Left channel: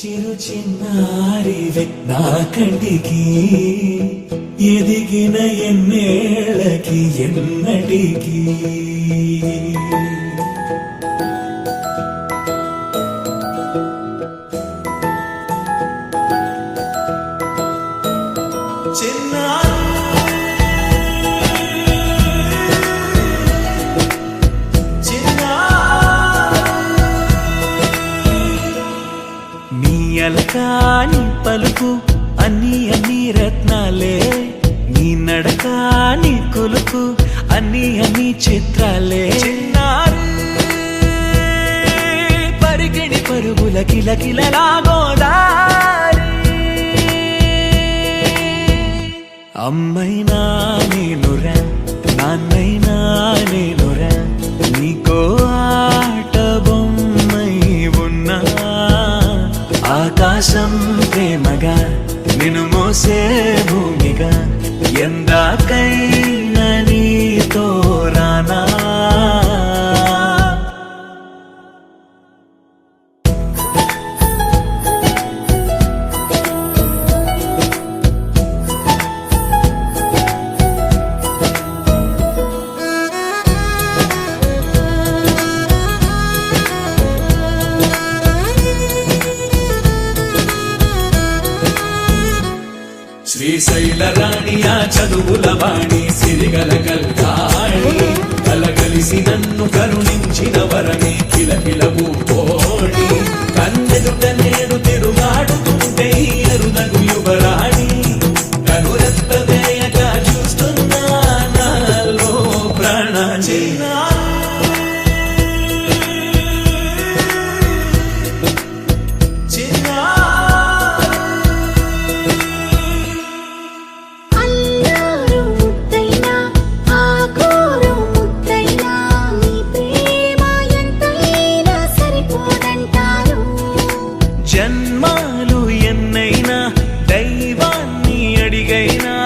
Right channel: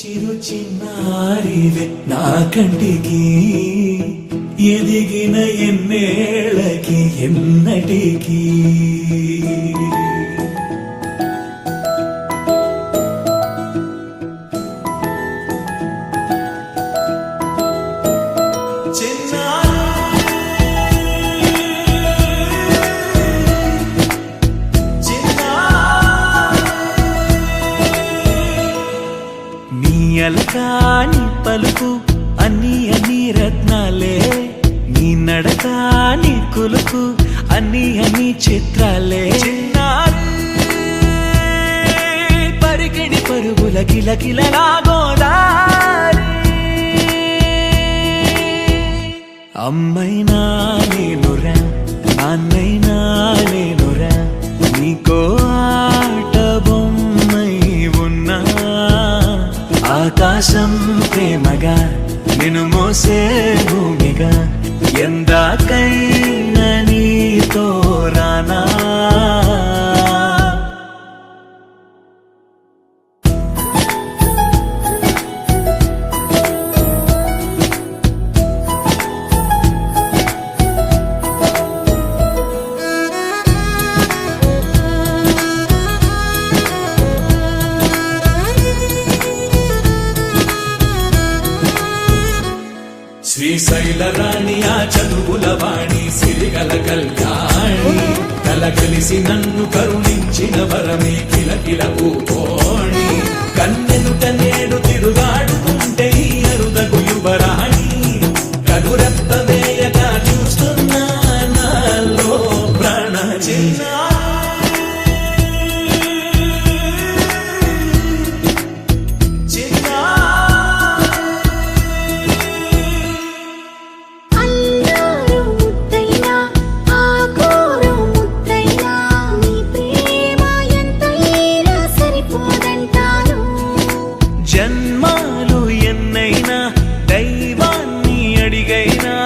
చిరు చిన్నారివే నా కంటికి ఎదిగిన ఎన్నేళ్ళకి ఎన్నటికి అలకాని పలుకు అన్ని అన్ని రత్నాలే నీ నడక నీ కులుకు అన్ని అన్ని చిత్రాలే చిన్నారు పరికిణి పరుగుల కిలకిలలా గోదారి అమ్మైనా నేనురా నాన్నైనా నేనురా నీకో ఆట బొమ్మై ఉన్నా ఆకాశం ప్రేమగా నిన్ను మోసే భూమిగా ఎందాకైనా నీతో రానా శ్రీశైల రాణి ఆ చదువుల వాణి సిరిగల కళ్యాణి కలగలిసి నన్ను కరుణించిన వరమే కిలకిల పూకోణి కన్నెదుట నేడు తిరుగాడుతుంటే అరుదకు యువరాణి కనురెప్ప వేయక చూస్తున్నా నాలో ప్రాణ జన్మాలు ఎన్నైనా దైవాన్ని అడిగైనా